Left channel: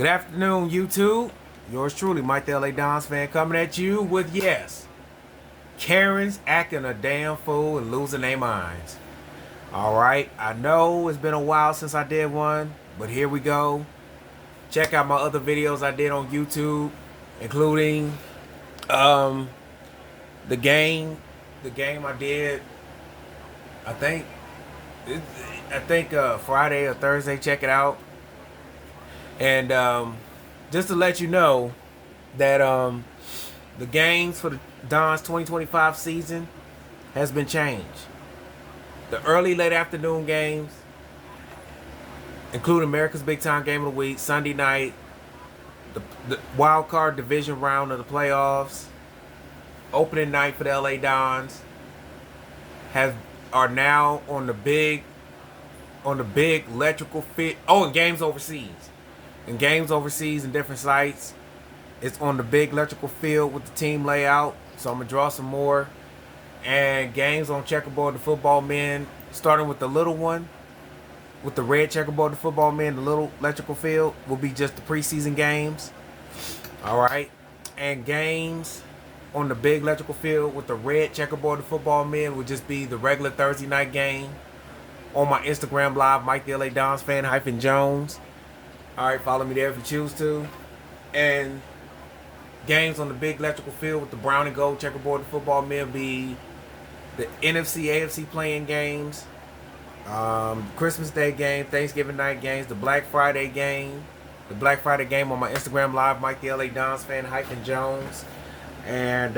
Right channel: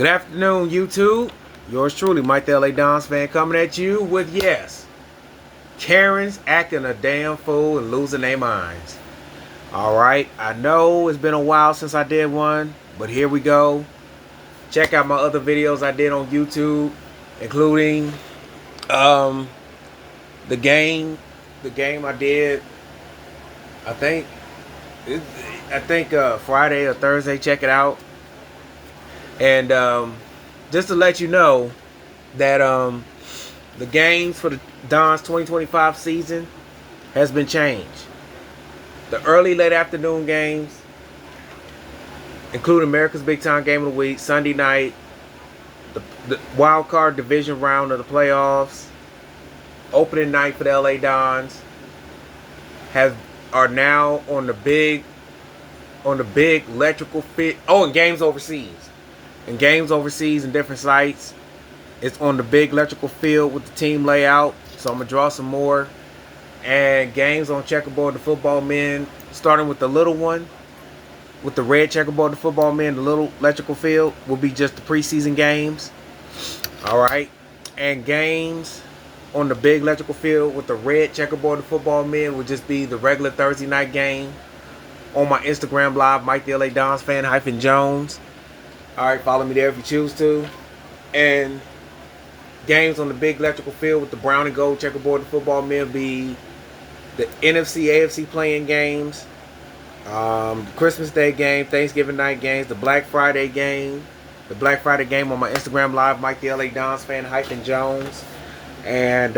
Good afternoon, YouTube. Yours truly, Miketheladonsfan, coming at you with, yes, Karens acting a damn fool and losing their minds. Alright, I know it's been a while since I did one, but here we go. Check out my other videos I did on YouTube, including the game I did, I think Friday or Thursday. Check it out. And just to let you know that the games for the Dons 2025 season has been changed. The early late afternoon games, including America's Big Time Game of the Week, Sunday night, the wild card division round of the playoffs, opening night for the LA Dons, are now on the big electrical fit. Oh, and games overseas. And games overseas in different sites. It's on the big electrical field with the team layout. So I'm going to draw some more. And games on checkerboard, the football men, starting with the little one, with the red checkerboard, the football men, the little electrical field, will be just the preseason games. Alright. And games on the big electrical field with the red checkerboard, the football men, will just be the regular Thursday night game on my Instagram live, Miketheladonsfan-Jones. Alright, follow me there if you choose to. And games on the big electrical field with the brown and gold checkerboard, the football men, will be the NFC, AFC playing games, Christmas Day game, Thanksgiving night games, the Black Friday game. The Black Friday game on my Instagram live, Miketheladonsfan-Jones. And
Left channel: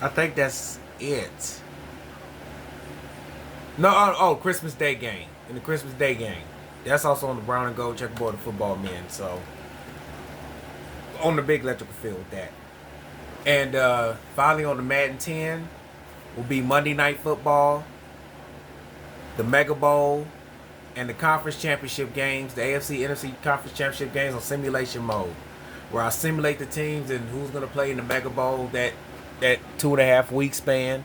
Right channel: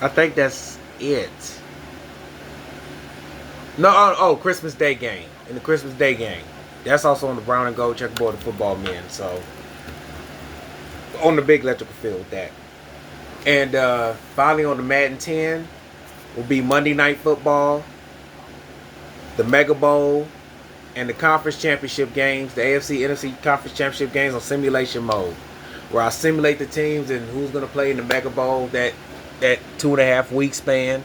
I think that's it. No, Christmas Day game. In the Christmas Day game. That's also on the brown and gold checkerboard of football men. So, on the big electrical field with that. And finally on the Madden 10 will be Monday Night Football, the Mega Bowl, and the Conference Championship games, the AFC, NFC Conference Championship games on simulation mode, where I simulate the teams and who's going to play in the Mega Bowl that 2.5 week span.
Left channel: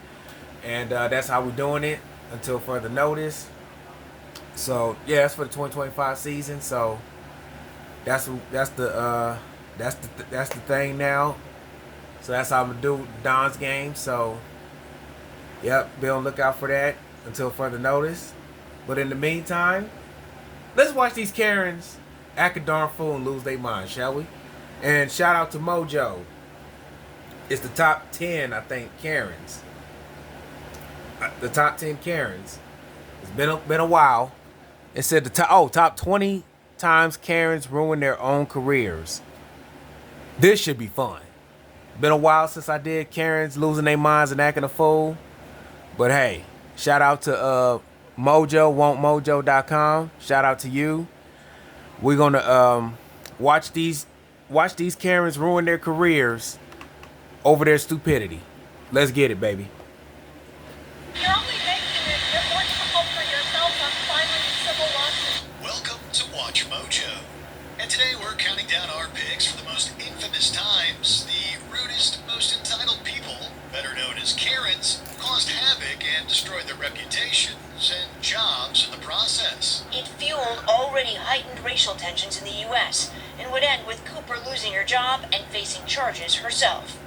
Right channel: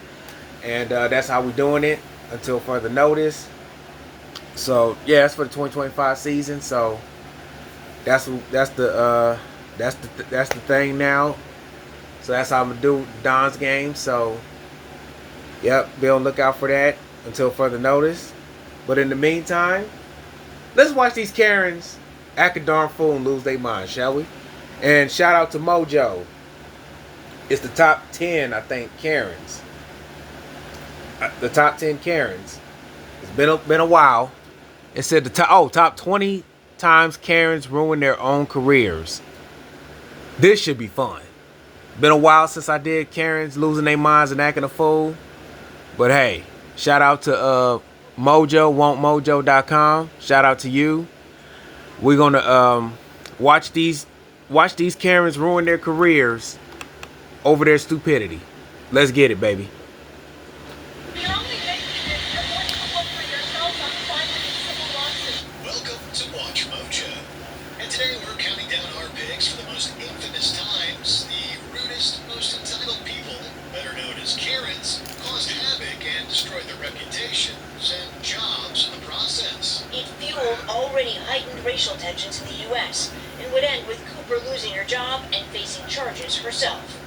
And that's how we're doing it until further notice. So yeah, that's for the 2025 season. So that's the thing now. So that's how I'm gonna do Don's game. So yep, be on the lookout for that until further notice. But in the meantime, let's watch these Karens act a darn fool and lose their mind, shall we? And shout out to Mojo. It's the top 10, I think, Karens. The top 10 Karens. It's been a while. It said the top 20 times Karens ruin their own careers. This should be fun. Been a while since I did Karens losing their minds and acting a fool. But hey, shout out to Mojo, wantmojo.com. Shout out to you. We're gonna watch these Karens ruin their careers over their stupidity. Let's get it, baby. Welcome to Watch Mojo. And today we're counting down our picks for the most infamous times the rudest, most entitled people, better known as Karens, caused havoc and destroyed their reputations and jobs in the process. It fueled already heightened racial tensions in the U.S. and would end with Cooper losing her job and facing charges herself.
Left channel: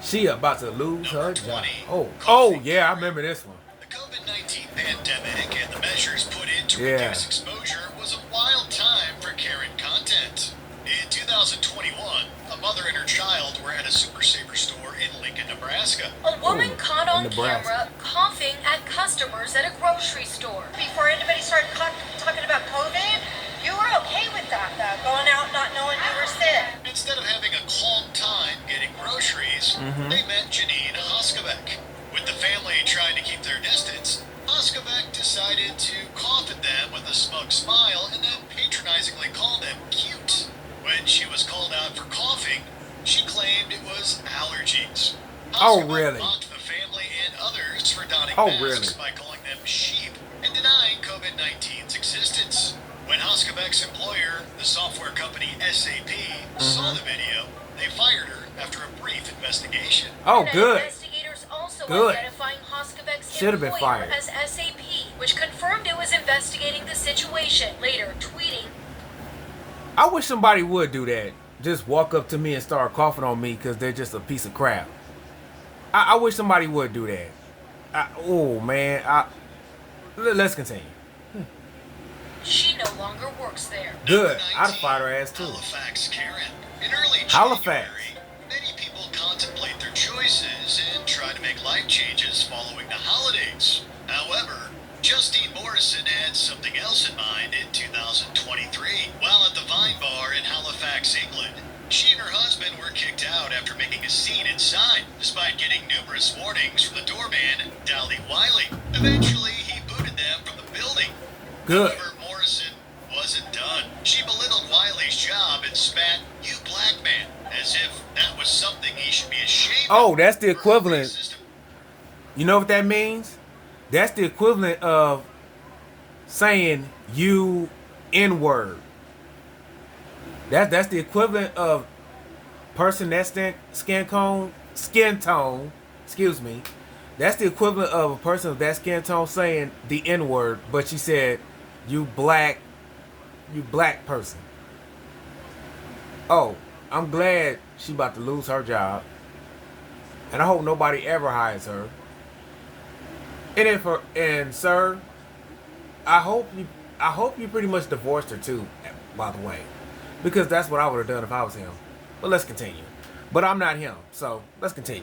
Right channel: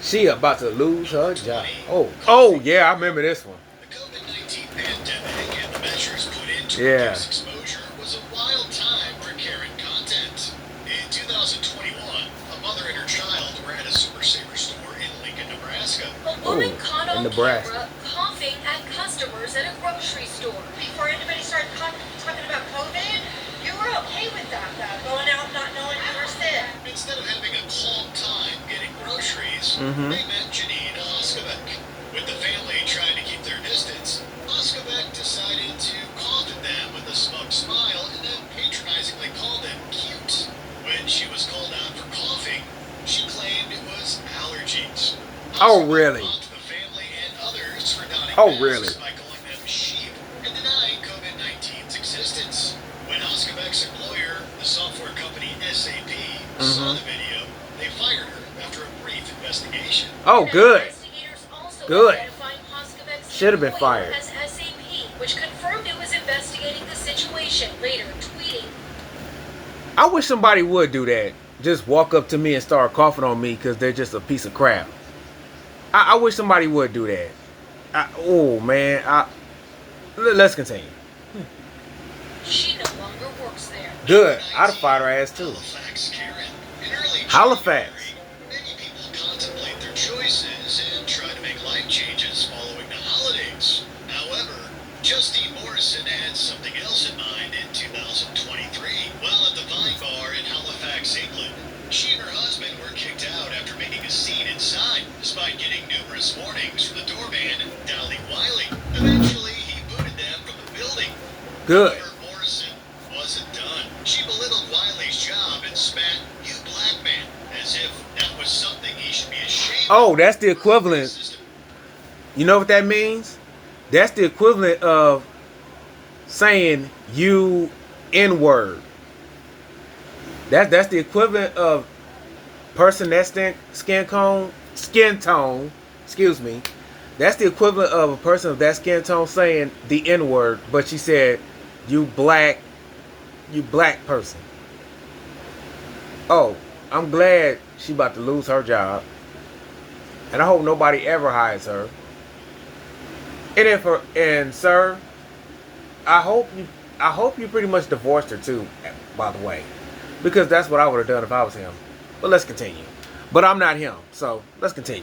She about to lose her job. Oh yeah, I remember this one. The COVID-19 pandemic and the measures put in to Yeah. reduce exposure was a wild time for Karen content. In 2021, a mother and her child were at a Super Saver store in Lincoln, Nebraska. A woman Oh, caught in on Nebraska. camera coughing at customers at a grocery store. Before anybody started talking about COVID, you were okay with that, though, going out not knowing you were sick. Instead of having a calm time getting groceries, they met Janine Hoskevek. With the family trying to keep their distance, Hoskevek decided to cough at them with a smug smile and then patronizingly called them cute. When she was called out for coughing, she claimed it was allergies. Oh, Hoskevek really? mocked the family and others for donning Oh, masks really? by calling them sheep and denying COVID-19's existence. When Hoskevek's employer, the software company SAP, saw the video, they fired her after a brief investigation. Oh, good. Investigators also Good. identified Hoskevek's Should have been employer fired. as SAP, which confirmed it was investigating the situation. later, tweeting. I wish somebody would do that. Just walk up to me and start coughing on me because they're just a piece of crap. I wish somebody would do that. Oh, man. Let's continue. She no longer works there. Good. I'd have fired her ass, too. Halifax, Karen. In early Halifax. January, many people contemplate their choices and try to make life changes following the holidays. However, Justine Morrison had something else in mind in 2023. While at the Vine Bar in Halifax, England, she and her husband were kicked out after making a scene inside, despite getting numerous warnings from the doorman, Dally Wiley. Eventually, he booted them from the building. Good. However, Morrison wasn't done. She belittled Wiley's job and spat, "You black man," as if that was something he should be ashamed of. Oh, that's the equivalent. You know what that means? That's the equivalent of saying you N-word. That's the equivalent of person that skin tone, excuse me. That's the equivalent of a person of that skin tone saying the N-word, but she said you black person. Oh, I'm glad she about to lose her job. And I hope nobody ever hires her. And sir, I hope you pretty much divorced her too, by the way. Because that's what I would have done if I was him. But let's continue. But I'm not him, so let's continue.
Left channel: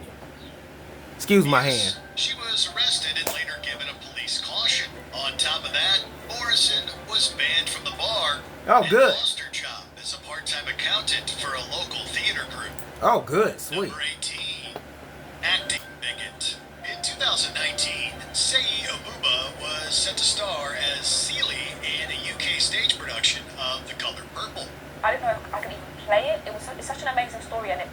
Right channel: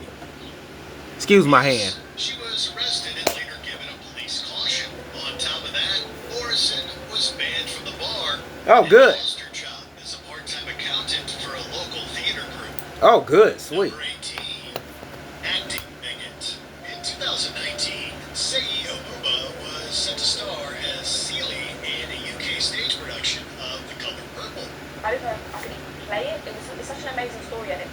Excuse my hand. She was arrested and later given a police caution. On top of that, Morrison was banned from the bar. Oh, and good. lost her job as a part-time accountant for a local theater group. Oh, good, sweet. Number 18, acting bigot. In 2019, Sei Abuba was set to star as Celie in a UK stage production of The Color Purple. I didn't know if I could even play it. It's such an amazing story, and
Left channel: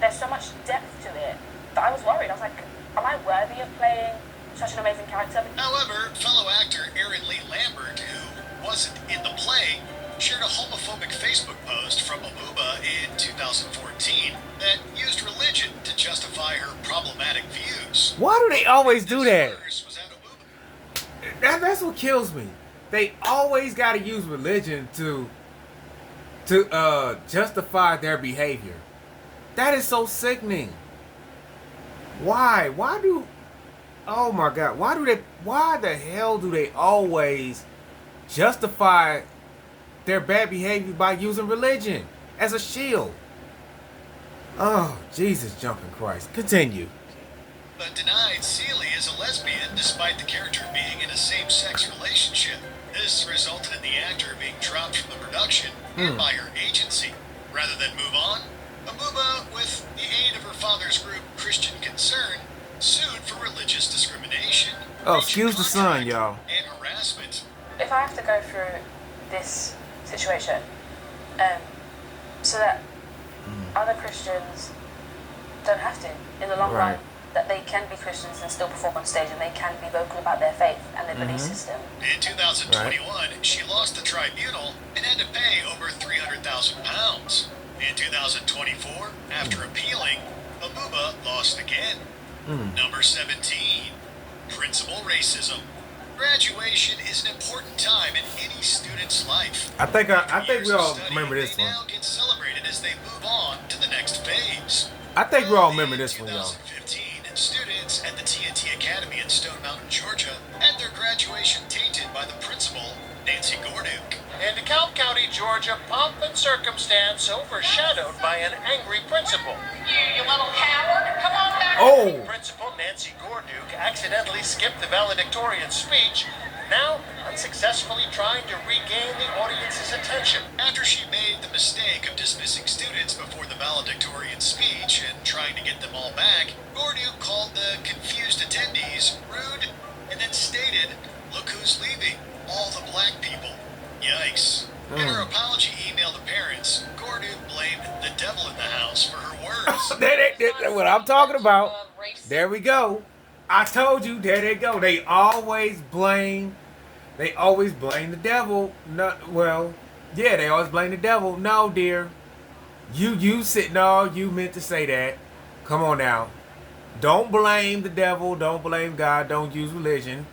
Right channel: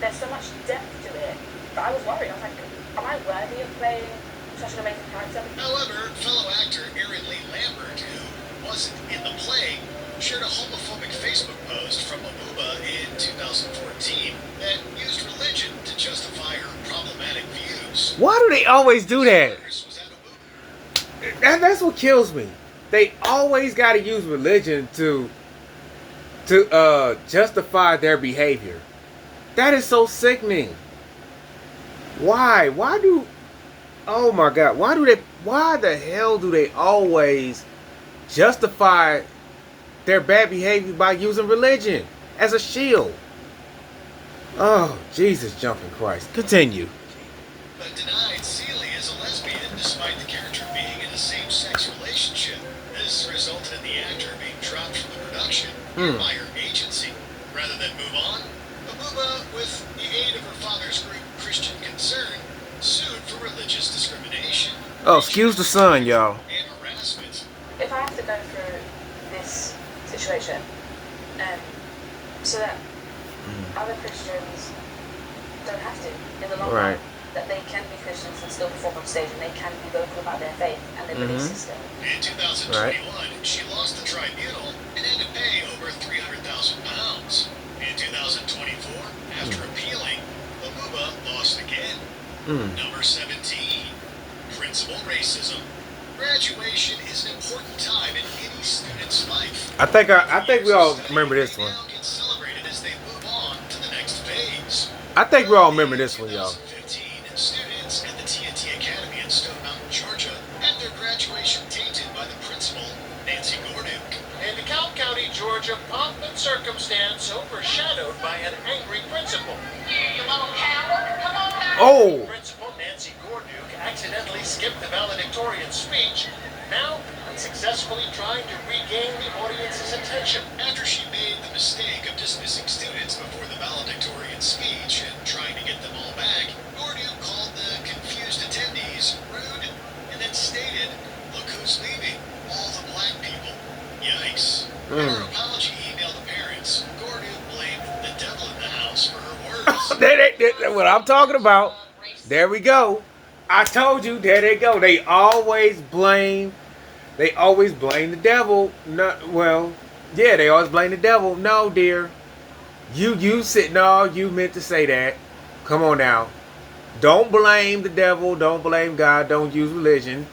there's so much depth to it that I was worried. I was like, am I worthy of playing such an amazing character? However, fellow actor Erin Lee Lambert, who wasn't in the play, shared a homophobic Facebook post from Abuba in 2014 that used religion to justify her problematic views. Why do they always do that? Was at Abuba. That's what kills me. They always got to use religion to justify their behavior. That is so sickening. Why? Oh my God. Why the hell do they always justify their bad behavior by using religion as a shield? Oh, Jesus jumping Christ. Continue. Denied Celie as a lesbian despite the character being in a same-sex relationship. This resulted in the actor being dropped from the production by her agency. Rather than move on, Abuba, with the aid of her father's group Christian Concern, sued for religious discrimination. Oh, excuse the sun, y'all. And harassment. If I have to go through this situation, so that other Christians don't have to, in the long Right. run, that they can be Christians and still perform on stage, and they can be vocal about their faith and their belief system. In 2021, she lost the tribunal and had to pay over £300,000. In 2024, after appealing, Abuba lost again. Number 17, principal racism. Graduation is an important time in any student's life. I think we all remember this one. Now get celebrated as they move on to the next phase. I think we all remember this one, y'all. 2015, students at the TNT Academy in Stone Mountain, Georgia, had their graduation tainted by the principal, Nancy Gorduke. In DeKalb County, Georgia, pomp and circumstance overshadowed by an angry principal. You little coward, come on back. Oh, Principal Nancy Gorduke accidentally skipped the valedictorian speech, now unsuccessfully trying to regain the audience's attention. After she made the mistake of dismissing students before the valedictorian speech and trying to get them all back, Gorduke called the confused attendees rude and then stated, "Look who's leaving, all the black people." Yikes. In her apology email to parents, Gorduke blamed the devil in the house for her words. that's what I'm talking about. There we go. I told you. There they go. They always blame the devil. They always blame the devil. No, dear. You meant to say that. Come on now. Don't blame the devil. Don't blame God. Don't use religion.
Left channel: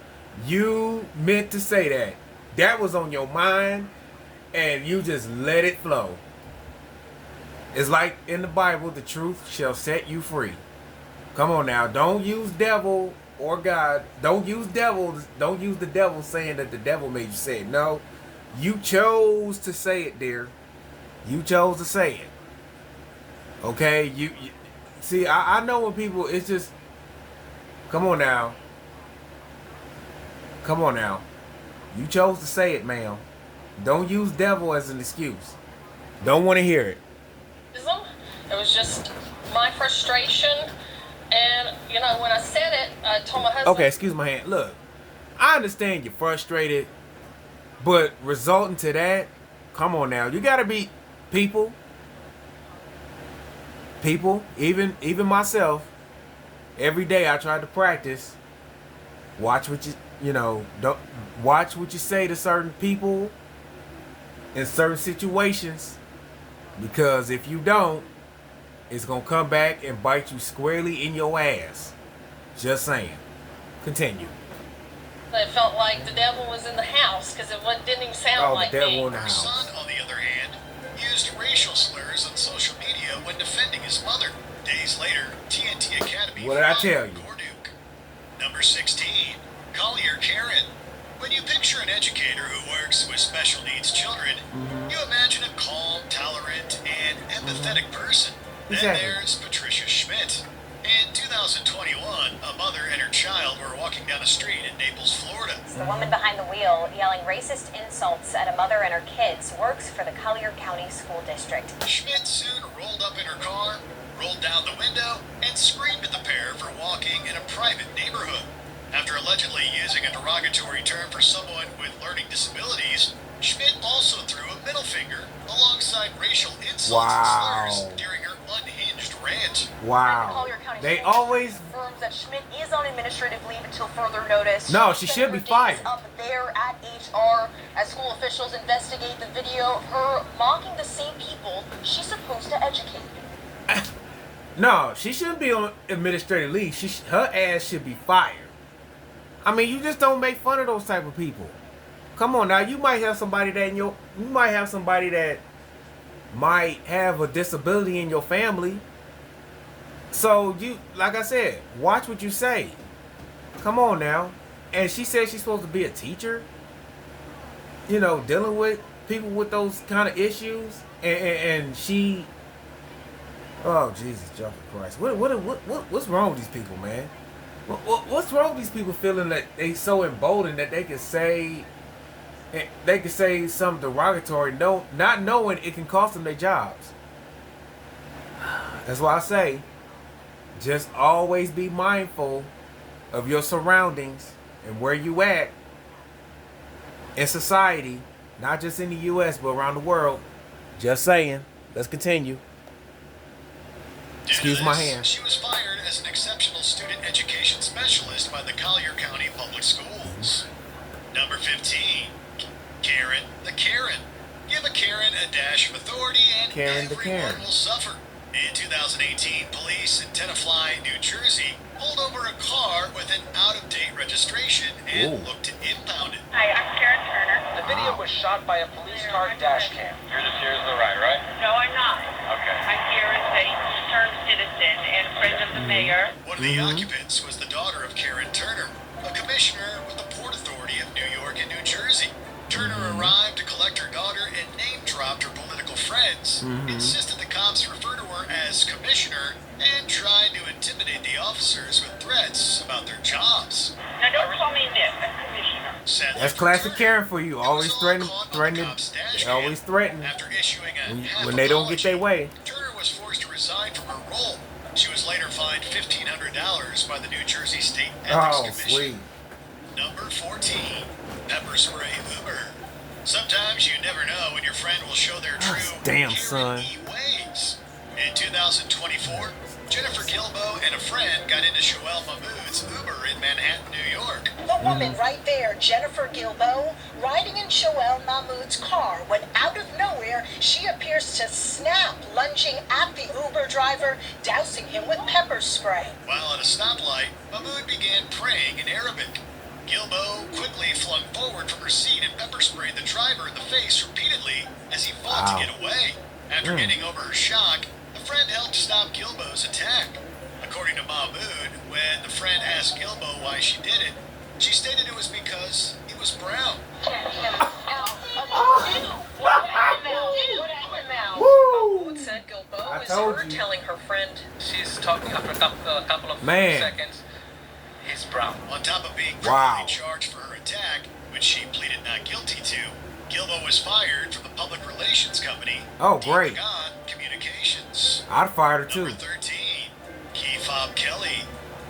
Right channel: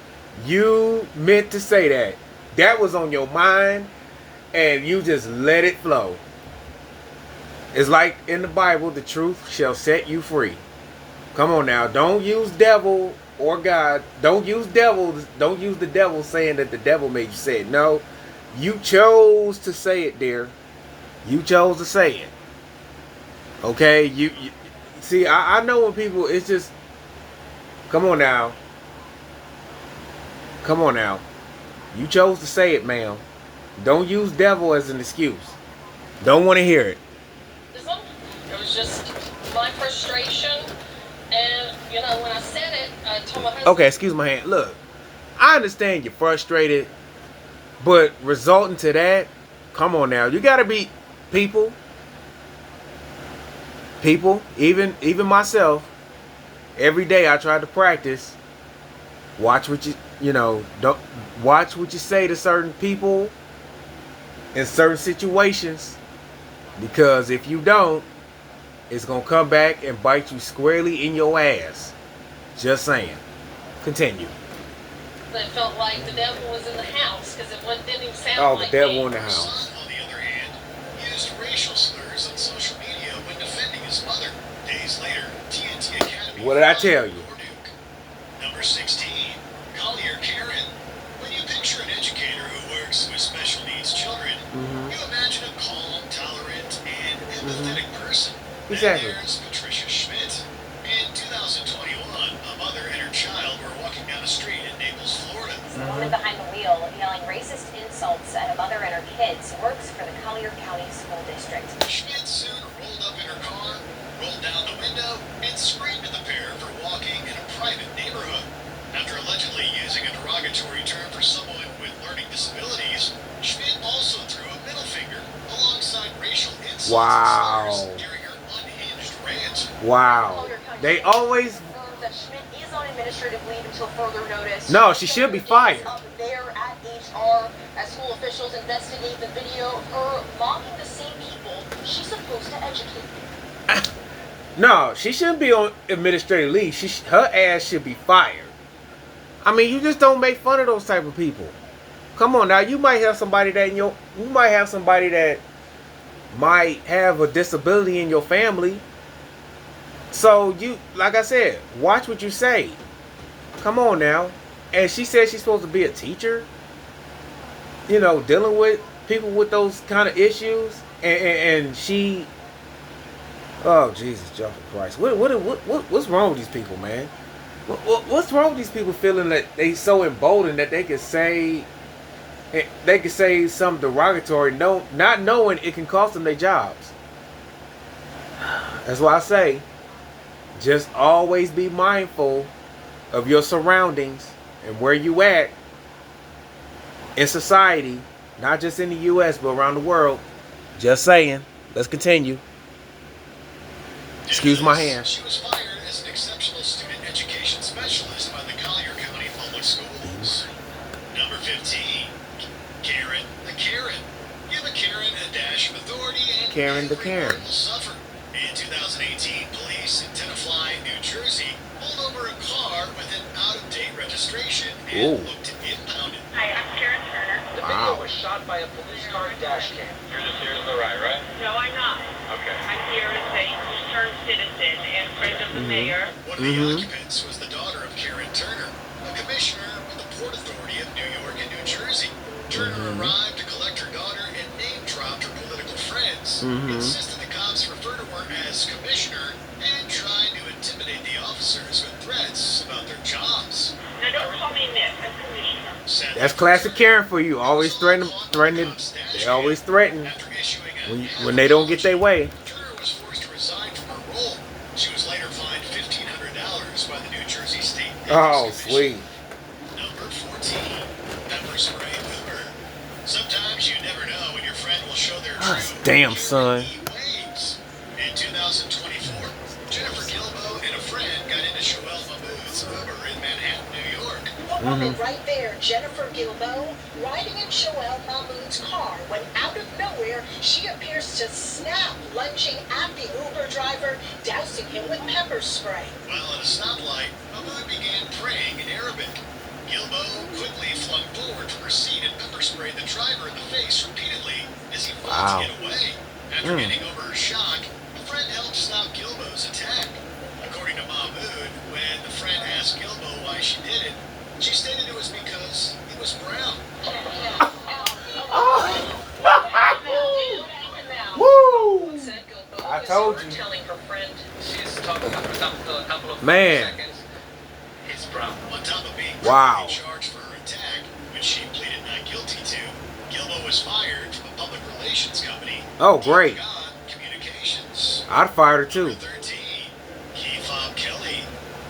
You meant to say that. that was on your mind and you just let it flow. It's like in the Bible, the truth shall set you free. Come on now, don't use devil or God. Don't use the devil saying that the devil made you say it. No, you chose to say it, dear. You chose to say it. Okay, you see, I know when people, it's just, come on now. Come on now. You chose to say it, ma'am. Don't use devil as an excuse. Don't want to hear it. It was just my frustration, and you know, when I said it, I told my husband. Okay, excuse my hand. Look, I understand you're frustrated, but resulting to that, come on now. You gotta be people, even myself. Every day I try to practice. Watch what don't watch what you say to certain people in certain situations, because if you don't, it's gonna come back and bite you squarely in your ass. Just saying. Continue. It felt like the devil was in the house because it didn't even sound like the devil me. in the Her house. son, on the other hand, used racial slurs on social media when defending his mother. Days later, TNT Academy. What did I tell you? Duke. Number 16, Collier Karen. When you picture an educator who works with special needs children, you imagine a calm, tolerant, and empathetic person. Exactly. Then there's Patricia Schmidt. In 2021, a mother and her child were walking down a street in Naples, Florida. The woman behind the wheel yelling racist insults at a mother and her kids works for the Collier County School District. Schmidt soon rolled up in her car, rolled down the window, and screamed at the pair for walking in a private neighborhood. After allegedly using a derogatory term for someone with learning disabilities, Schmidt also threw a middle finger alongside racial insults Wow. and slurs during her unhinged rant. Wow. They always. That Schmidt is on administrative leave until further notice. No, she should be fired. Up there at HR as school officials investigate the video of her mocking the same people she's supposed to educate. No, she shouldn't be on administrative leave. Her ass should be fired. I mean, you just don't make fun of those type of people. Come on now, you might have somebody that might have a disability in your family. So you, like I said, watch what you say. Come on now. And she said she's supposed to be a teacher. You know, dealing with people with those kind of issues, and she. Oh Jesus, Jesus Christ! What's wrong with these people, man? What's wrong with these people feeling that they so emboldened that they could say something derogatory, not knowing it can cost them their jobs? That's why I say, just always be mindful of your surroundings and where you at in society, not just in the U.S. but around the world. Just saying. Let's continue. Excuse my hand. She was fired as an exceptional student education specialist by the Collier County Public Schools. Number 15, Karen the Karen. Give a Karen a dash of authority and Karen the everyone Karen. will suffer. In 2018, police in Tenafly, New Jersey, pulled over a car with an out-of-date registration and Ooh. looked to impound it. Hi, I'm Karen Turner. The Wow. video was shot by a police car dash cam. You're just here to the right, right? No, I'm not. Okay. I'm here as a concerned citizen and friend of the mayor. One of the occupants was the daughter of Karen Turner, a commissioner with the Port Authority of New York and New Jersey. Turner arrived to collect her daughter and name-dropped her political friends, insisted the cops refer to her as commissioner, and tried to intimidate the officers with threats about their jobs. Now, don't call me Miss. I'm commissioner. Sadly, That's classic Karen for you. Always threaten. They always threaten After issuing a when they don't get their way. Turner was forced to resign from her role. She was later fined $1,500 by the New Jersey State Oh, Ethics sweet. Commission. Number 14, pepper spray boomer. Sometimes you never know when your friend will show their true Damn, son. ways. In 2024, Jennifer Gilbo and a friend got into Joelle Mahmood's Uber in Manhattan, New York. The woman right there, Jennifer Gilbo, riding in Joelle Mahmood's car when out of nowhere she appears to snap, lunging at the Uber driver, dousing him with pepper spray. While at a stoplight, Mahmood began praying in Arabic. Gilbo quickly flung forward from her seat and pepper sprayed the driver in the face repeatedly as he fought Wow. to get away. After getting over her shock, the friend helped stop Gilbo's attack. According to Mahmood, when the friend asked Gilbo why she did it, she stated it was because he was brown. Woo! Said Gilbo I is told her you. telling her friend she's talking about a couple of Man. seconds. He's brown. On top of being Wow. criminally charged for her attack, which she pleaded not guilty to, Gilbo was fired from the public relations company. Oh, great. Gone Communications. I'd fire her Number too. 13, Keefob Kelly.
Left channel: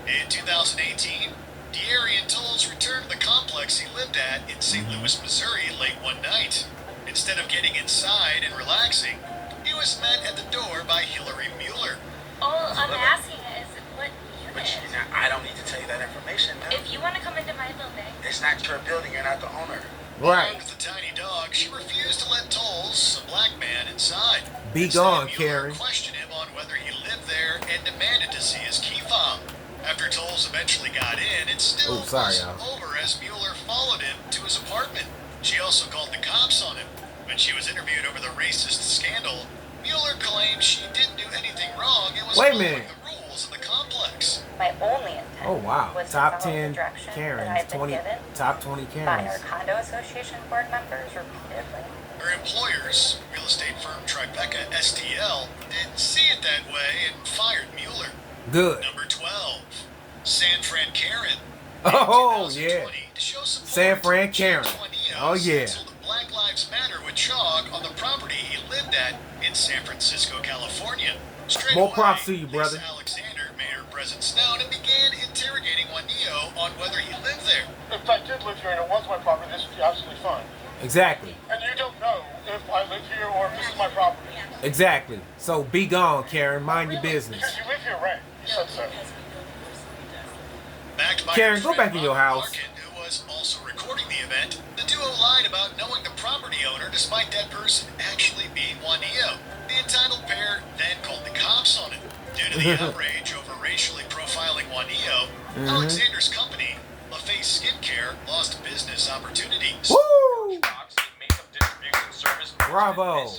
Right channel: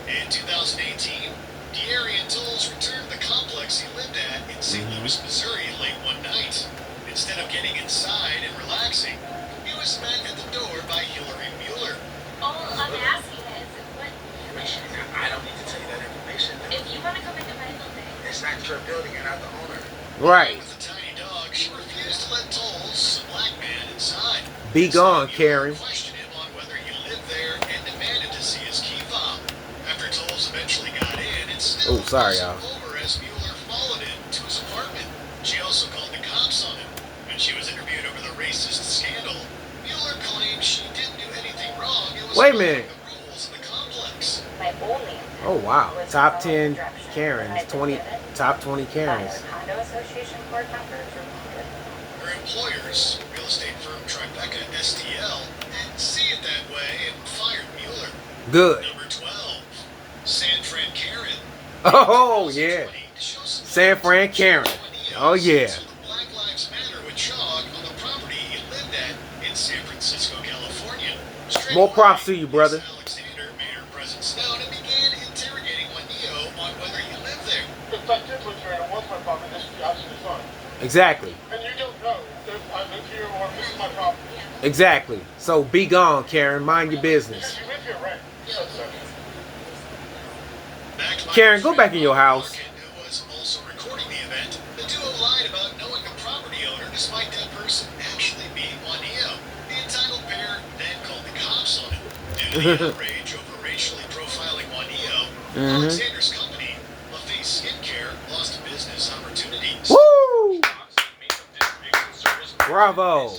In 2018, De'Arian Tolles returned to the complex he lived at in St. Louis, Missouri late one night. Instead of getting inside and relaxing, he was met at the door by Hillary Mueller. All I'm asking is, what permission? I don't need to tell you that information, though. If you want to come into my building, It's not your building, you're not the owner. Right. With the tiny dog, she refused to let Tolles, a black man, inside. Be Instead, gone, Mueller Karen. questioned him on whether he lived there and demanded to see his key fob. After Tolles eventually got in, it still Oh, sorry, wasn't y'all. over as Mueller followed him to his apartment. She also called the cops on him. When she was interviewed over the racist scandal, Mueller claimed she didn't do anything wrong. It was Wait a following minge. the rules of the complex. My only intent Oh wow. was to Top follow the 10 directions that I Karens. had been 20 given top 20 by Karens. the condo association board members repeatedly. Her employers, real estate firm Tribeca STL, didn't see it that way and fired Mueller. Good. Number 12, San Fran Karen. Oh In yeah. 2020, to show some San Fran Karen. Oh yeah. So the Black Lives Matter with chalk on the property he lived at in San Francisco, California. Straight More away, props to you, brother. Lisa Alexander made her presence known and began interrogating Juanillo on whether he lived there. If I did live here and it was my property, this would be absolutely fine. Exactly. And you don't know if I live here or if this is my property. Exactly. So be gone, Karen. Mind your business. You live here, right? You said so. Backed by Karen, her go friend back in your Bob house. Larkin, who was also recording the event. The duo lied about knowing the property owner despite that person actually being Juanillo. The entitled pair then called the cops on him. Due to the outrage over racially profiling Juanillo, Alexander's company, LaFace Skincare, lost business opportunities. Woo! Bravo.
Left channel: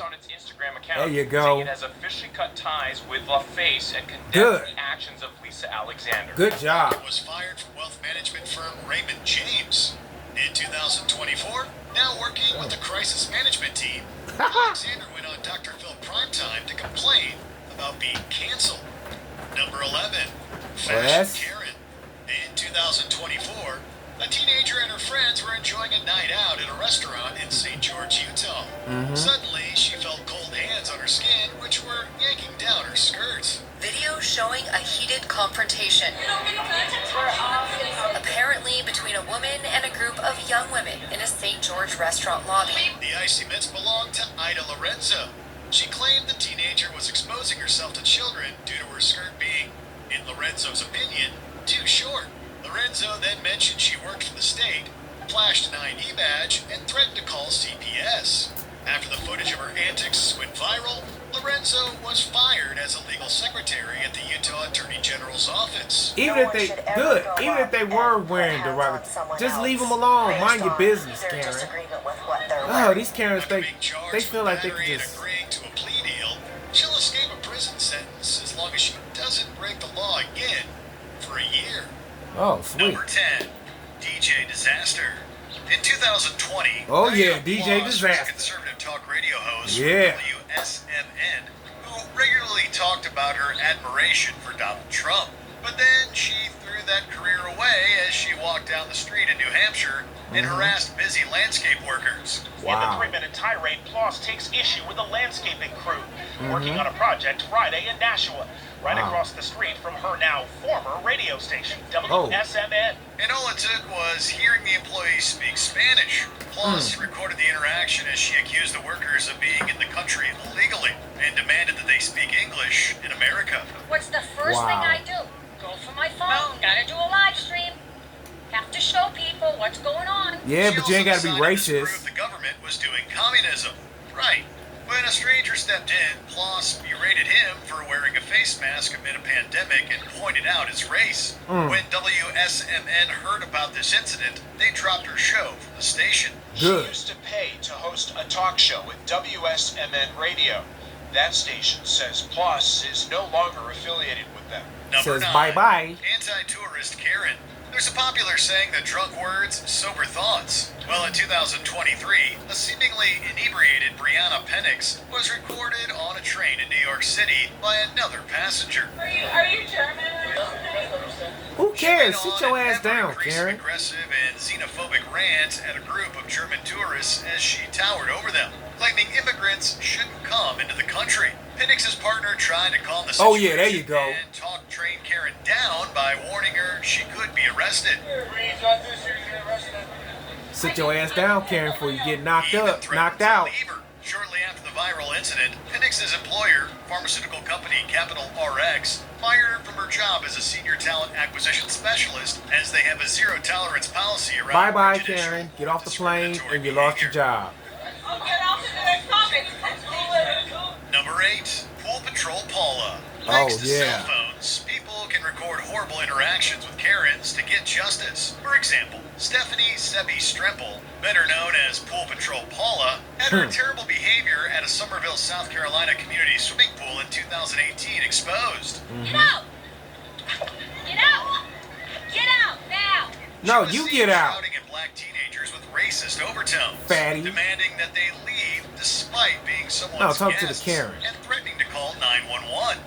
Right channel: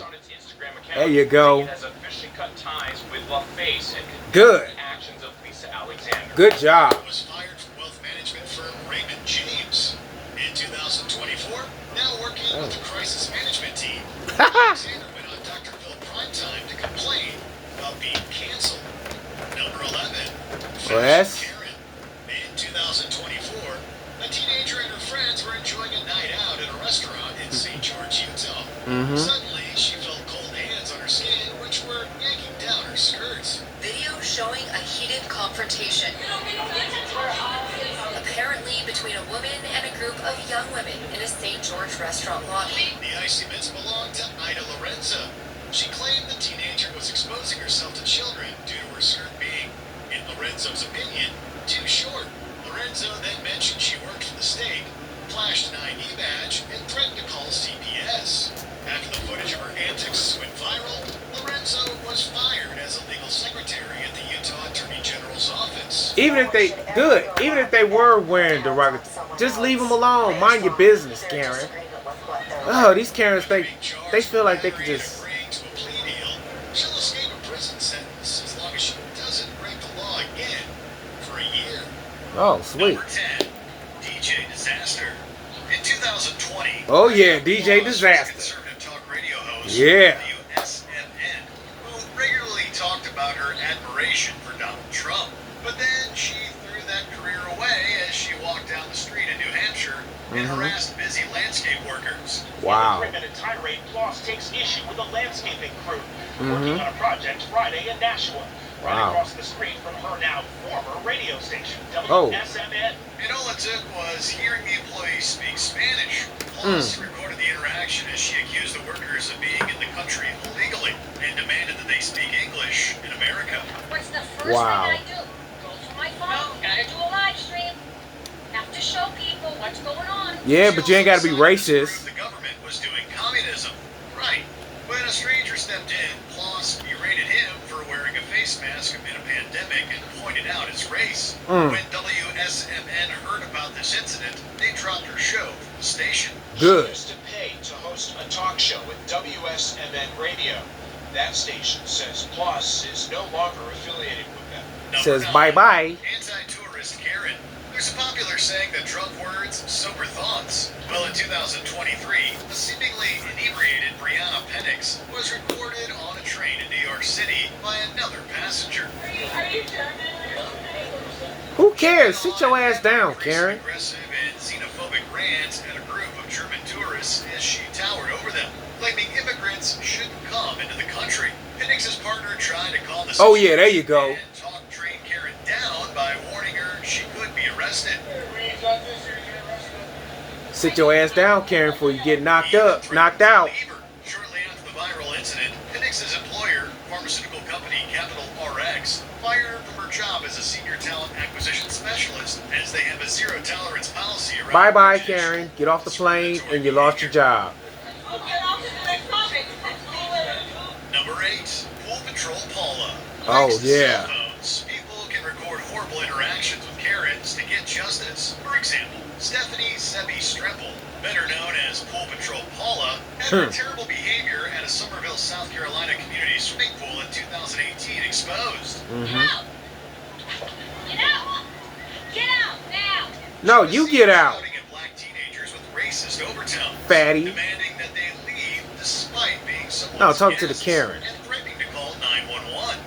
There you go. It has officially cut ties with LaFace and condemned Good. the actions of Lisa Alexander. Good job. Was fired from wealth management firm Raymond James. In 2024, now working with the crisis management team, Alexander went on Dr. Phil Primetime to complain about being canceled. Number 11, Yes. Fashion Karen. In 2024, a teenager and her friends were enjoying a night out at a restaurant in St. George, Utah. Suddenly, she felt cold hands on her skin, which were yanking down her skirts. video showing a heated confrontation. Apparently between a woman and a group of young women in a St. George restaurant lobby. The icy mitts belonged to Ida Lorenzo. She claimed the teenager was exposing herself to children due to her skirt being, in Lorenzo's opinion, too short. Lorenzo then mentioned she worked for the state, flashed an ID badge, and threatened to call CPS. After the footage of her antics went viral, Lorenzo was fired as a legal secretary at the Utah Attorney General's office. Even if they good, even if they were wearing derogatory, just leave them alone. Mind your business, Karen. Oh, these Karens think they feel like they could just. Agreeing to a plea deal, she'll escape a prison sentence as long as she doesn't break the law again for a year. Oh, sweet. Number 10, DJ Disaster. In 2020, Oh yeah, Maria DJ Moss was Disaster. conservative talk radio host Yeah. for WSMN, who regularly talked about her admiration for Donald Trump. But then she threw that career away as she walked down the street in New Hampshire and harassed busy landscape workers. Wow. In the 3-minute tirade, Floss takes issue with a landscaping crew working on a project Friday in Nashua, right Wow. across the street from her now former radio station, Oh. WSMN. And all it took was hearing the employees speak Spanish. Plus, recorded the interaction as she accused the workers of being in the country illegally and demanded that they speak English in America. What's the first Wow. thing I do? Go through my phone, gotta do a live stream. Have to show people what's going on. Yeah, She but you ain't also gotta be decided to prove racist. The government was doing communism. Right. When a stranger stepped in, Ploss berated him for wearing a face mask amid a pandemic and pointed out his race. When WSMN heard about this incident, they dropped her show from the station. Good. She used to pay to host a talk show with WSMN Radio. That station says Ploss is no longer affiliated with them. Number Says 9, bye-bye. Anti-tourist Karen. There's a popular saying that drunk words, sober thoughts. Well, in 2023, a seemingly inebriated Brianna Penix was recorded on a train in New York City by another passenger. Are you German? Who cares? Sit your ass down, Karen. Aggressive and xenophobic rant at a group of German tourists as she towered over them, claiming immigrants shouldn't come into the country. Penix's partner tried to calm the situation. Oh, yeah, there you go. And talk train Karen down by warning her she could be arrested. Sit your ass down, Karen, before you get knocked Even up, threatened knocked to out. leave her. Shortly after the viral incident, Penix's employer, pharmaceutical company Capital RX, fired her from her job as a senior talent acquisition specialist, as they have a zero-tolerance policy around Bye-bye, origination Karen. Get off the plane discriminatory and you lost your behavior. job. Number 8, Pool Patrol Paula. Oh, Thanks to yeah. cell phones, people can record horrible interactions with Karens to get justice. For example, Stephanie Sebi Stremple, better known as Pool Patrol Paula, had her terrible behavior at a Somerville, South Carolina community swimming pool in 2018 exposed. Get out! Get out! Get out now! No, She was you seen get out, shouting at black teenagers with racist overtones, fatty. demanding that they leave despite being someone's No, talk to the guests, Karen. and threatening to call 911.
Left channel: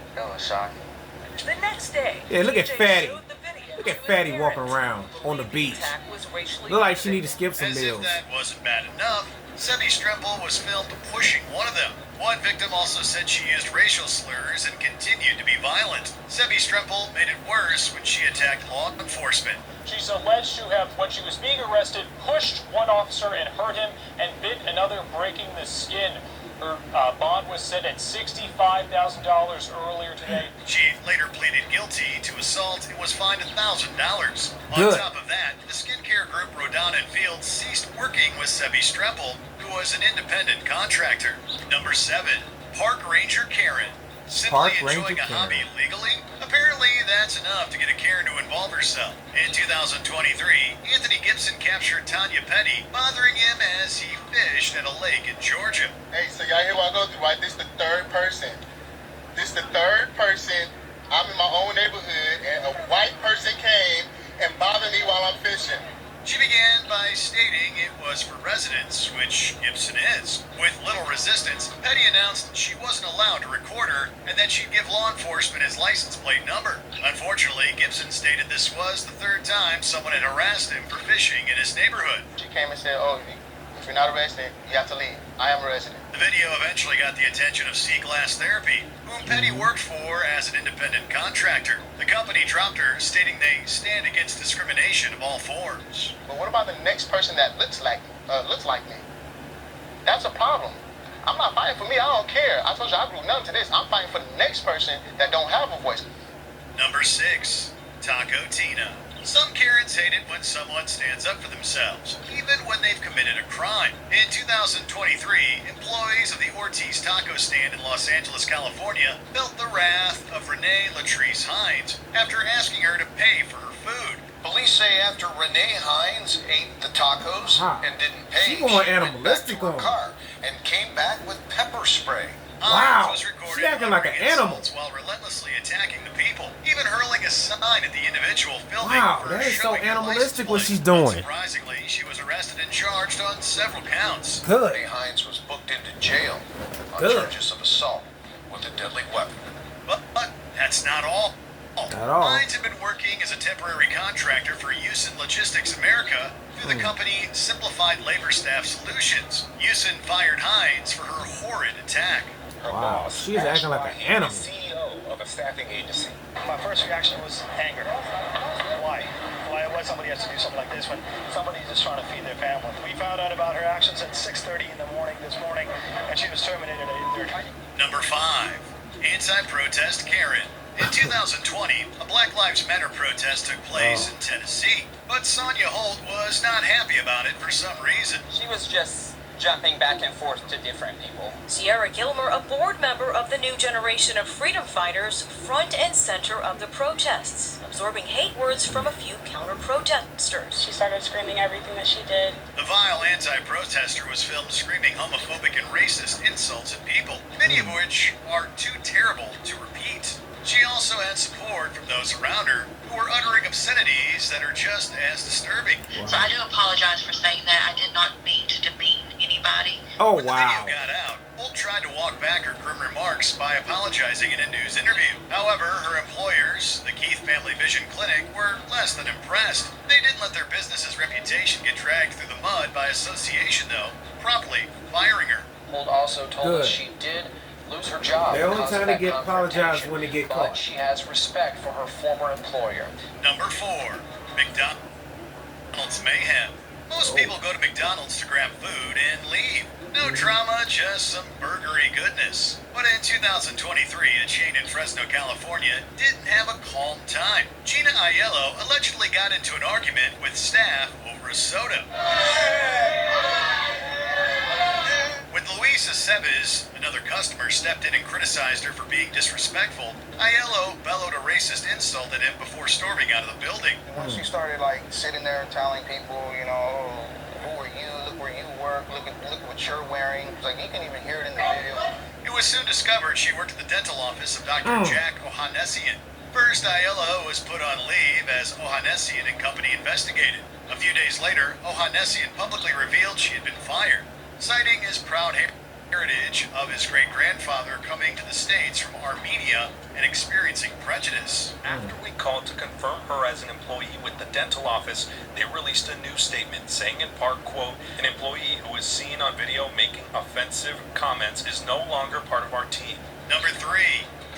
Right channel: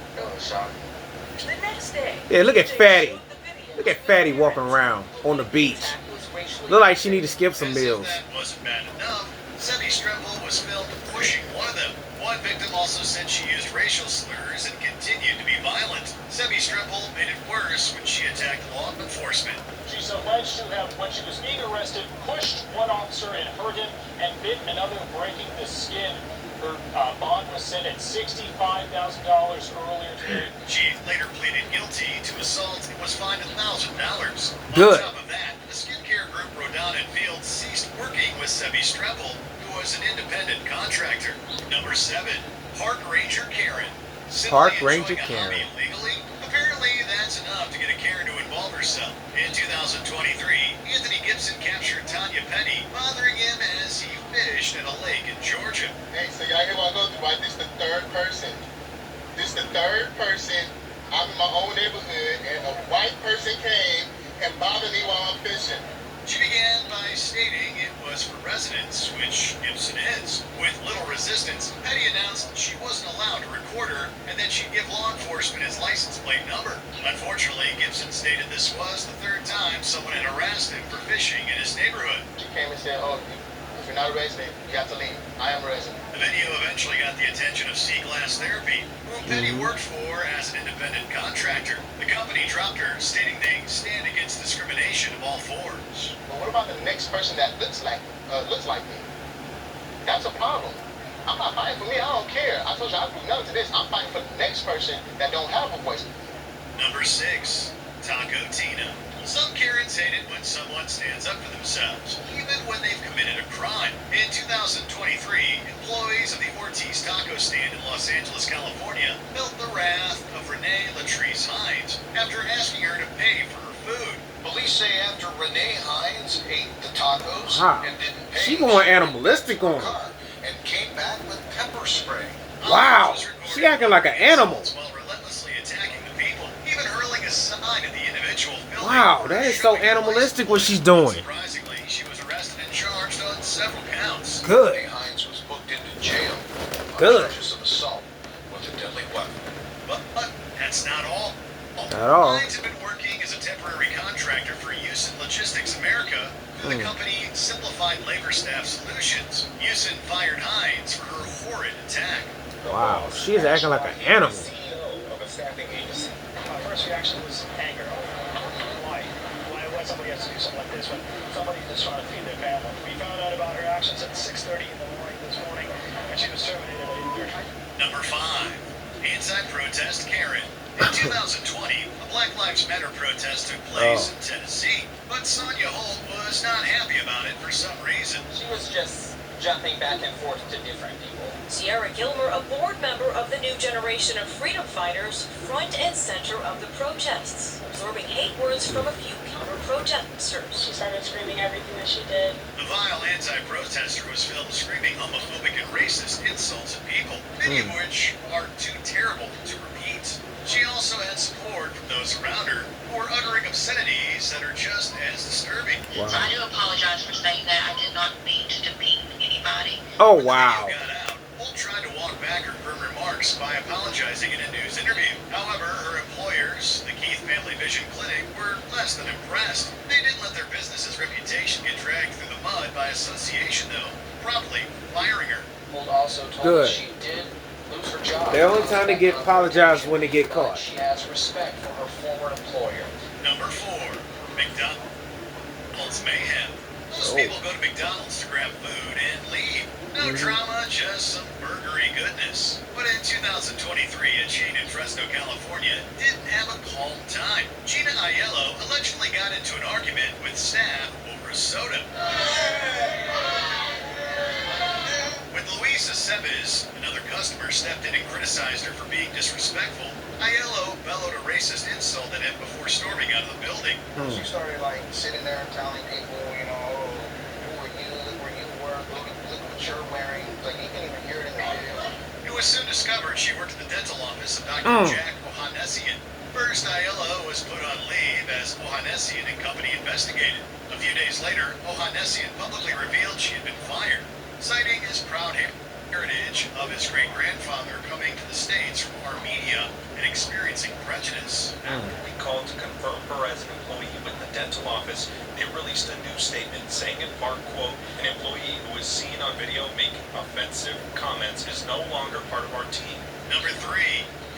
The next day, Yeah, look at DJ Fatty. showed the video Look at of Fatty the walking parents. around on the beach. attack was racially Look like she need to skip some As meals. if that wasn't bad enough, Sebi Stremple was filmed pushing one of them. One victim also said she used racial slurs and continued to be violent. Sebi Stremple made it worse when she attacked law enforcement. She's alleged to have, when she was being arrested, pushed one officer and hurt him and bit another, breaking the skin. Her bond was set at $65,000 earlier today. She later pleaded guilty to assault and was fined $1,000. Good. On top of that, the skincare group Rodan and Fields ceased working with Sebi Stremple, who was an independent contractor. Number 7, Park Ranger Karen. Simply Park enjoying Ranger a hobby Karen. legally? Apparently, that's enough to get a Karen to involve herself. In 2023, Anthony Gibson captured Tanya Petty, bothering him as he fished at a lake in Georgia. Hey, so y'all hear what I go through, right? This the third person. I'm in my own neighborhood, and a white person came and bothered me while I'm fishing. She began by stating it was for residents, which Gibson is. With little resistance, Petty announced she wasn't allowed to record her and that she'd give law enforcement his license plate number. Unfortunately, Gibson stated this was the third time someone had harassed him for fishing in his neighborhood. She came and said, oh, if you're not a resident, you have to leave. I am a resident. The video eventually got the attention of Sea Glass Therapy, whom Petty worked for as an independent contractor. The company dropped her, stating they stand against discrimination of all forms. But what about the next person that looks like me? That's a problem. I'm not fighting for me. I don't care. I told you I do nothing to this. I'm fighting for the next person that don't have a voice. Number 6, Taco Tina. Some Karens hate it when someone stands up for themselves, even when they've committed a crime. In 2023, employees of the Ortiz Taco Stand in Los Angeles, California, felt the wrath of Renee Latrice Hines after asking her to pay for her food. Police say after Renee Hines ate the tacos Wow. and didn't pay, She going went animalistic back to her on her. car and came back with pepper spray. Wow. Hines was recorded She acting like an animal. insults while relentlessly attacking the people, even hurling a sign at the individual filming. Wow, that is so animalistic what she's doing. Surprisingly, she was arrested and charged on several counts. Good. Renee Hines was booked into jail on Good. charges of assault with a deadly weapon. But that's not all. Not all. Hines had been working as a temporary contractor for Usin Logistics America through the company Simplified Labor Staff Solutions. Usin fired Hines for her horrid attack. Wow, she is acting like an animal. CEO of a staffing agency. My first reaction was anger. Why? Why would somebody have to do something like this when somebody's just trying to feed their family? We found out about her actions at 6:30 in the morning this morning, and she was terminated at 8:30. Number 5, anti-protest Karen. In 2020, a Black Lives Matter protest took place in Tennessee, but Sonia Holt was not happy about it for some reason. She was just jumping back and forth to different people. Sierra Gilmer, a board member of the new generation of freedom fighters, front and center of the protests, absorbing hate words from a few counter-protesters. She started screaming everything that she did. The vile anti-protester was filmed screaming homophobic and racist insults at people, many of which are too terrible to repeat. She also had support from those around her who were uttering obscenities that are just as disturbing. Wow. So I do apologize for saying that. I did not mean to demean anybody. Oh, When the wow. video got out, Holt tried to walk back her firm remarks by apologizing in a news interview. However, her employers, the Keith Family Vision Clinic, were less than impressed. They didn't let their business's reputation get dragged through the mud by association, though, promptly firing her. Holt also told Good. us she did lose her job. The only time they get apologized when they get but caught. She has respect for her former employer. Number 4, McDonald's mayhem. Most Oh. people go to McDonald's to grab food and leave. No drama, just some burgery goodness. But in 2023, a chain in Fresno, California didn't have a calm time. Gina Aiello allegedly got into an argument with staff over a soda. When Luisa Seves, another customer, stepped in and criticized her for being disrespectful, Aiello bellowed a racist insult at him before storming out of the building. She started like sitting there telling people, you know, who are you? Look where you work. Look what you're wearing. Like you can even hear it in the video. It was soon discovered she worked at the dental office of Dr. Jack Ohanessian. First, Aiello was put on leave as Ohanessian and company investigated. A few days later, Ohanessian publicly revealed she had been fired, citing his proud heritage of his great-grandfather coming to the States from Armenia and experiencing prejudice. After we called to confirm her as an employee with the dental office, they released a new statement saying in part, quote, an employee who is seen on video making offensive comments is no longer part of our team. Number 3,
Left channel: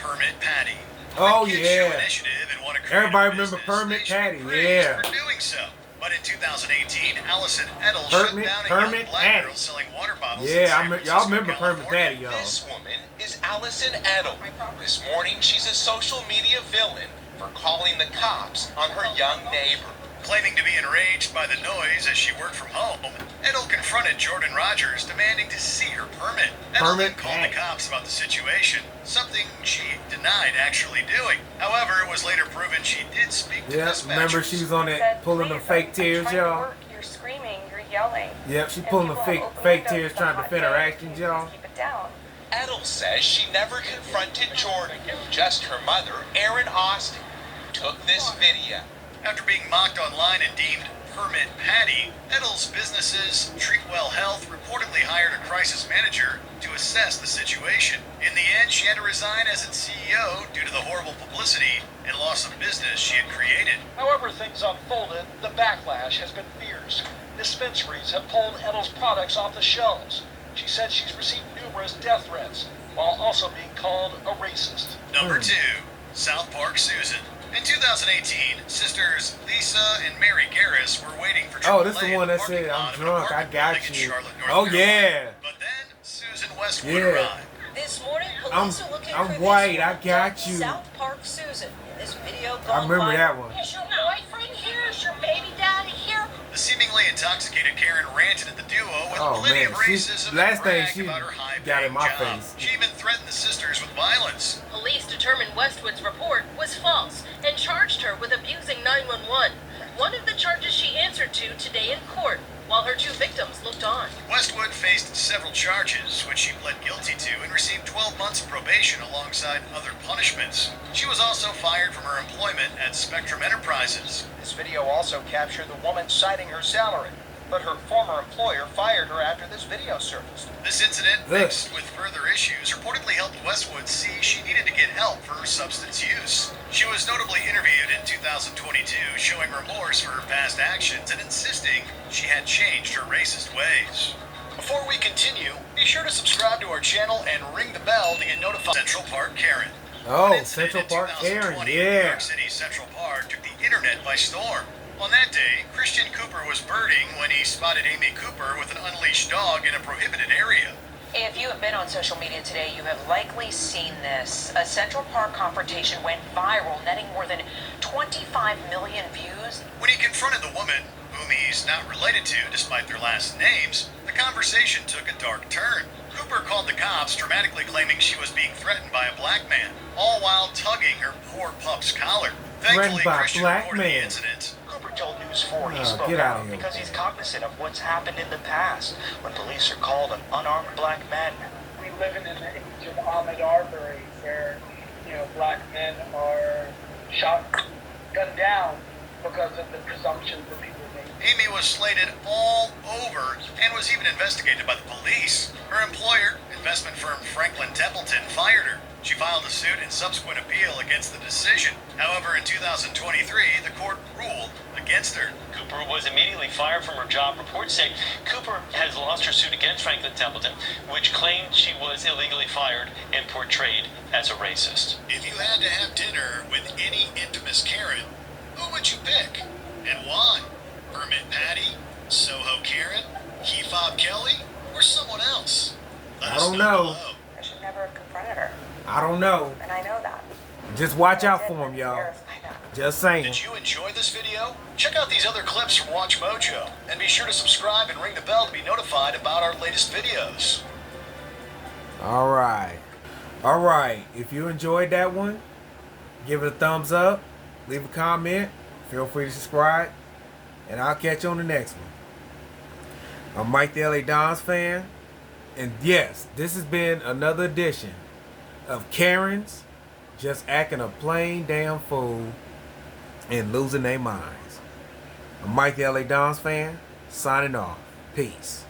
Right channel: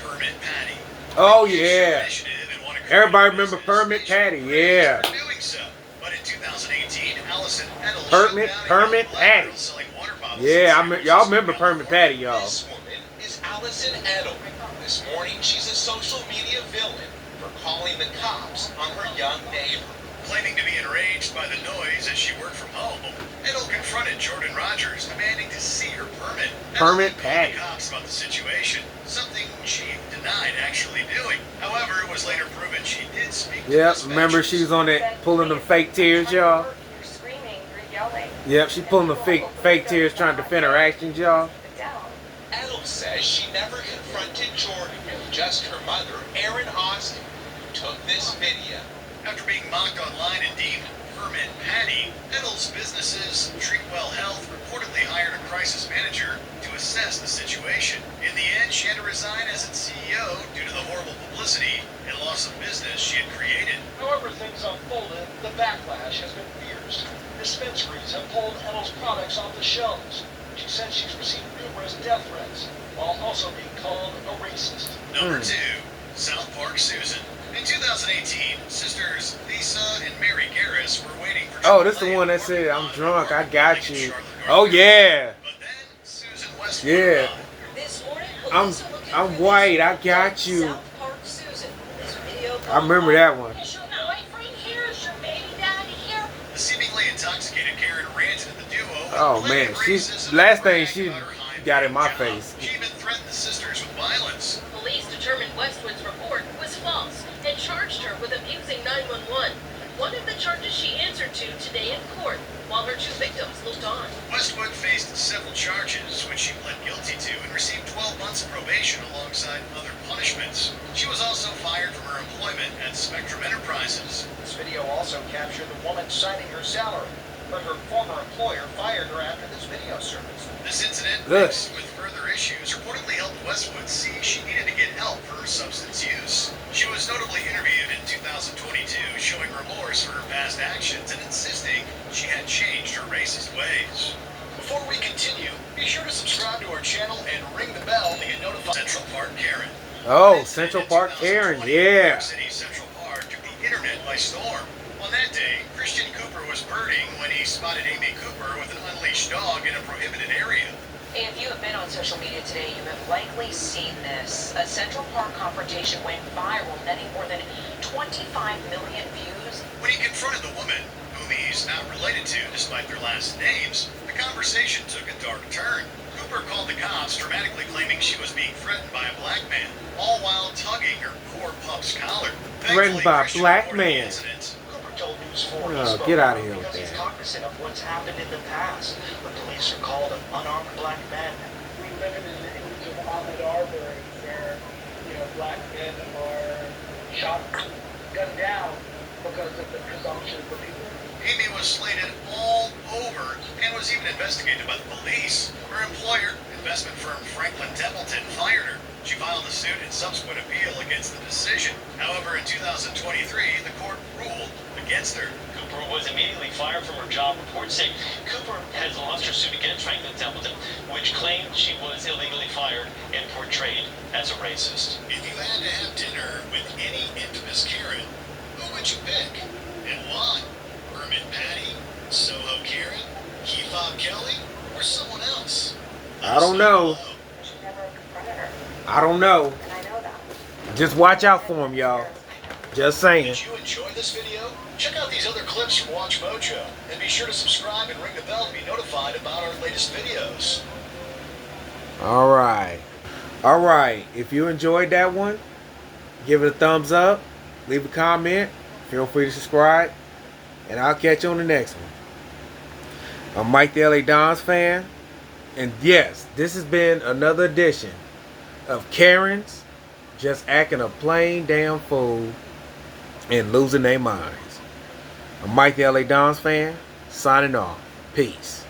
Permit Patty. Oh, Huge yeah. initiative and wanna create Everybody a remember business Permit Patty, nationwide yeah. for doing so. But in 2018, Allison Edel Permit- shut down a Permit young black girl Patty. selling water bottles Yeah, in y'all San remember Francisco, Permit Patty, California. y'all. This woman is Allison Edel. This morning, she's a social media villain for calling the cops on her young neighbor. Claiming to be enraged by the noise as she worked from home, Edel confronted Jordan Rogers, demanding to see her permit. Permit Edel called Patty. the cops about the situation, something she denied actually doing. However, it was later proven she did speak to Yep, dispatchers. remember she was on that pulling them fake tears, y'all. You're screaming, you're yelling. Yep, she pulling the fake tears trying to defend her actions, y'all. Keep it down. Edel says she never confronted Jordan, just her mother, Erin Austin, took this video. After being mocked online and deemed Permit Patty, Edel's businesses, Treatwell Health, reportedly hired a crisis manager to assess the situation. In the end, she had to resign as its CEO due to the horrible publicity and loss of business she had created. However things unfolded, the backlash has been fierce. Dispensaries have pulled Edel's products off the shelves. She said she's received numerous death threats, while also being called a racist. Number 2, South Park Susan. In 2018, sisters Lisa and Mary Garris were waiting for Oh, this Triple the A one that to said, work I'm on drunk, I an got apartment you. in Charlotte, North Oh, Carolina. yeah. But then Susan Westwood Yeah. arrived. This morning, I'm police are looking for white, this I got you. South Park Susan. This video I remember that one. Is your boyfriend here? Is your baby daddy here? The seemingly intoxicated Karen ranted at the duo. with Oh, plenty man, of she- racism last and thing bragged she about her high got in paying my job. face. She even threatened the sisters with violence. Police determined Westwood's report was false and charged her with abusing 911. One of the charges she answered to today in court, while her two victims looked on. Westwood faced several charges, which she pled guilty to and received 12 months of probation alongside other punishments. She was also fired from her employment at Spectrum Enterprises. This video also captured the woman citing her salary, but her former employer fired her after this video surfaced. This incident, Ugh. mixed with further issues, reportedly helped Westwood see she needed to get help for her substance use. She was notably interviewed in 2022, showing remorse for her past actions and insisting she had changed her racist ways. Before we continue, be sure to subscribe to our channel and ring the bell to get notified. Central Park Karen. Oh, An incident Central in Park 2020, Karen, New yeah. York City Central Park took the internet by storm. On that day, Christian Cooper was birding when he spotted Amy Cooper with an unleashed dog in a prohibited area. If you have been on social media today, you have likely seen this. A Central Park confrontation went viral, netting more than 25 million views. When he confronted the woman, whom he's not related to despite their last names, The conversation took a dark turn. Cooper called the cops, dramatically claiming she was being threatened by a black man, all while tugging her poor pup's collar. Threatened by a Christian black reported the man. incident. Cooper told News 4 he Oh, spoke get out out of here with because he's that. cognizant of what's happened in the past when police are called unarmed black men. We live in an age of Ahmaud Arbery where, black men are shot, gunned down because of the presumptions that people make. Amy was slated all over and was even investigated by the police. Her employer, investment firm Franklin Templeton, fired her. She filed a suit in subsequent appeal against the decision. However, in 2023, the court ruled against her. Cooper was immediately fired from her job. Reports say Cooper has lost her suit against Franklin Templeton, which claimed she was illegally fired and portrayed as a racist. If you had to have dinner with any infamous Karen, who would you pick? And why? Hermit Patty? Soho Karen? Kefab Kelly? Or someone else? I don't know. I should never have confronted her, I don't know. and I know that. Just watch out for him, y'all. Just saying. Did you enjoy this video? Check out these other clips from Watch Mojo, and be sure to subscribe and ring the bell to be notified about our latest videos. All right. All right. If you enjoyed that one, give it a thumbs up. Leave a comment. Feel free to subscribe. And I'll catch you on the next one. I'm Mike the LA Dons fan. And yes, this has been another edition of Karens just acting a plain damn fool and losing their minds. I'm Mike the LA Dons fan, signing off. Peace.